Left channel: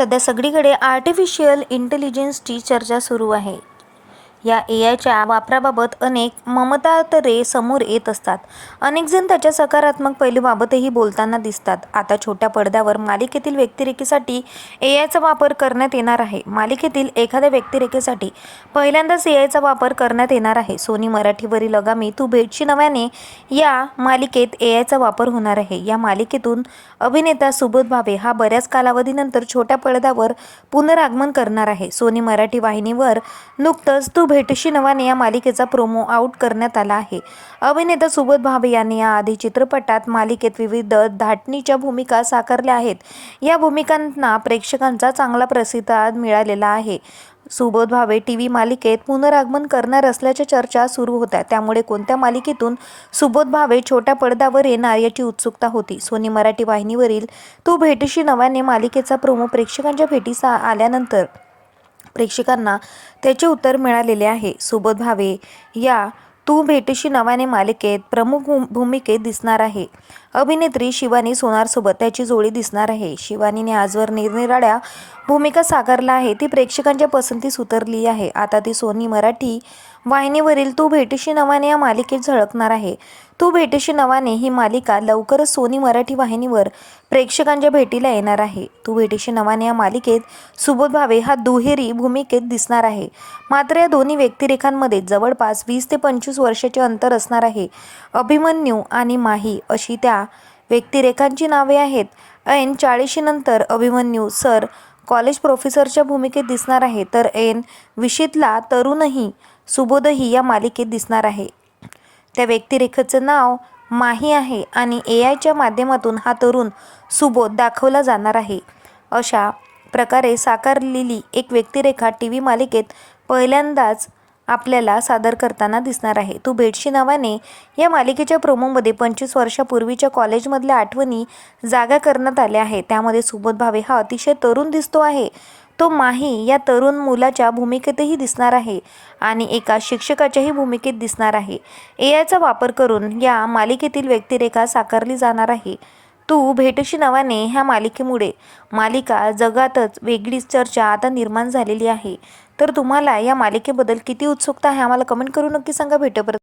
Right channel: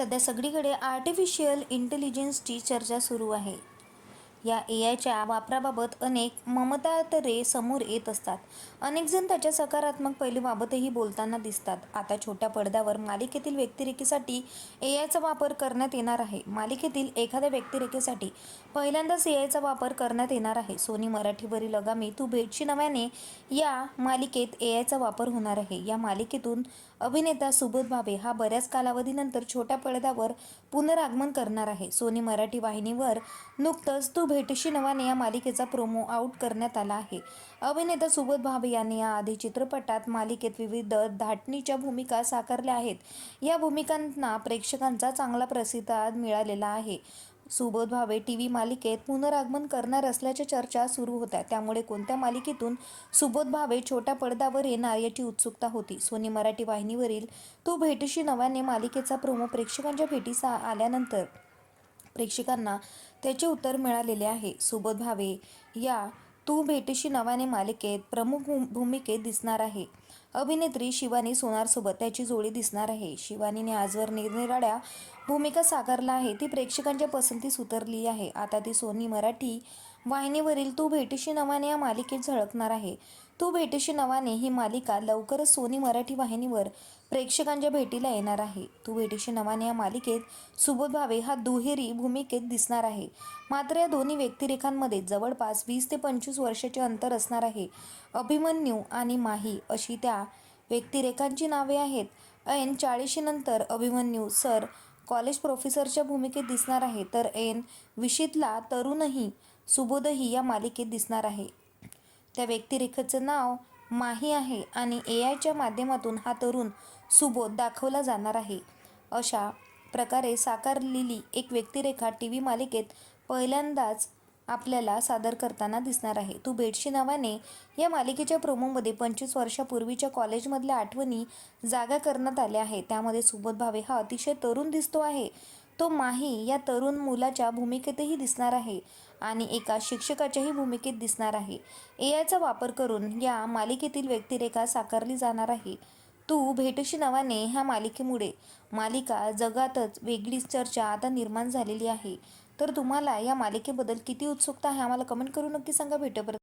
सध्या सगळीकडे आर्टिफिशियल इंटेलिजन्सची चर्चा सुरू आहे. या ए आयच्या वापराबाबत अनेक ममतातरे समोर येत असतात. अनेकजण त्याच्या सकारात्मक पैलूबाबतही बोलताना दिसतात. आता छोट्या पडद्यावर मालिकेतील व्यक्तिरेखेसाठी ए आयचा वापर करण्यात येणार आहे. मालिकेतील एखाद्या व्यक्तिरेखेसाठी पहिल्यांदाच ए आयचा वापर करण्यात येणार आहे. सोनी मराठीवरील आगामी तू भेटशी नव्याने या मालिकेत ए आयचा वापर होणार आहे. या मालिकेतून अभिनेता सुबोध भावे हा बऱ्याच कालावधीनंतर छोट्या पडद्यावर पुनरागमन करणार आहे. सोनी मराठी वाहिनीवर नुकतंच तू भेटशी नवाने या मालिकेचा प्रोमो आउट करण्यात आला आहे. अभिनेता सुबोध भावे यांनी याआधी चित्रपटात मालिकेत विविध धाटणीच्या भूमिका साकारल्या आहेत. या भूमिकांना प्रेक्षकांचा चांगला प्रतिसाद मिळालेला आहे. सुबोध भावे टी व्ही मालिकेत पुनरागमन करणार असल्याच्या चर्चा सुरू होत्या. त्यामुळे कोणत्या मालिकेतून सुबोध भावे छोट्या पडद्यावर येणार याची उत्सुकता होती. सोनी मराठी वाहिनीवरील तू भेटीशी नव्याने मालिकेचा प्रोमो प्रेक्षकांच्या भेटीस आल्यानंतर प्रेक्षकांना त्याचे उत्तर मिळालेले आहे. सुबोध भावे या तू भेटीशी नव्याने मालिकेत प्रमुख भूमिकेत दिसणार आहे. अभिनेत्री शिवानी सोनारसोबत त्याची जोडी दिसणार आहे. शिवानीने आजवर निरनिराळ्या भूमिका साकारल्या आहे ती प्रेक्षकांच्या पसंतीस उतरली आहे. आता ती सोनी मराठी वाहिनीवरील तू भेटीशी नवाने या मालिकेत झळकणार आहे. तू भेटीशी नवाने ही मालिका लवकरच सोनी मराठी वाहिनीवर प्रेक्षकांच्या भेटीला येणार आहे. तू भेटीशी नवाने या मालिकेत सुबोध भावे हा दुहेरी भूमिकेत दिसणार आहे. मात्र या दोन्ही व्यक्तिरेखांमध्ये जवळपास वीस ते पंचवीस वर्षाचे अंतर असणार आहे. अभिमन्यू आणि माही अशी त्या व्यक्तिरेखांची नावे आहेत. ऐन चाळीशीनंतर अभिमन्यू सर कॉलेज प्रोफेसरच्या भूमिकेत दिसणार आहे तर ऐन विशीतला तरुणही सुबोधही या मालिकेत दिसणार आहे. त्या व्यक्तिरेखेचं नाव माही आहे आणि ए आयच्या माध्यमातून हा तरुण सुबोध दाखवला जाणार आहे. अशा प्रकारे साकारलेली एक व्यक्तिरेखा टी व्ही मालिकेत पहिल्यांदाच आपल्याला सादर करताना दिसणार आहे. तू भेटशी नावाने या मालिकेच्या प्रोमोमध्ये पंचवीस वर्षापूर्वीच्या कॉलेजमधल्या आठवणी जागा करण्यात आल्या आहे त्यामध्ये सुबोध भावे हा अतिशय तरुण दिसतो आहे. तो माही या तरुण मुलाच्या भूमिकेतही दिसणार आहे आणि एका शिक्षकाच्याही भूमिकेत दिसणार आहे. ए आयचा वापर करून या मालिकेतील व्यक्तिरेखा साकारली जाणार आहे. तू भेटशी नावाने ह्या मालिकेमुळे मालिका जगातच वेगळीच चर्चा आता निर्माण झालेली आहे. तर तुम्हाला या मालिकेबद्दल किती उत्सुकता आहे आम्हाला कमेंट करून नक्की सांगा. भेटपर्यंत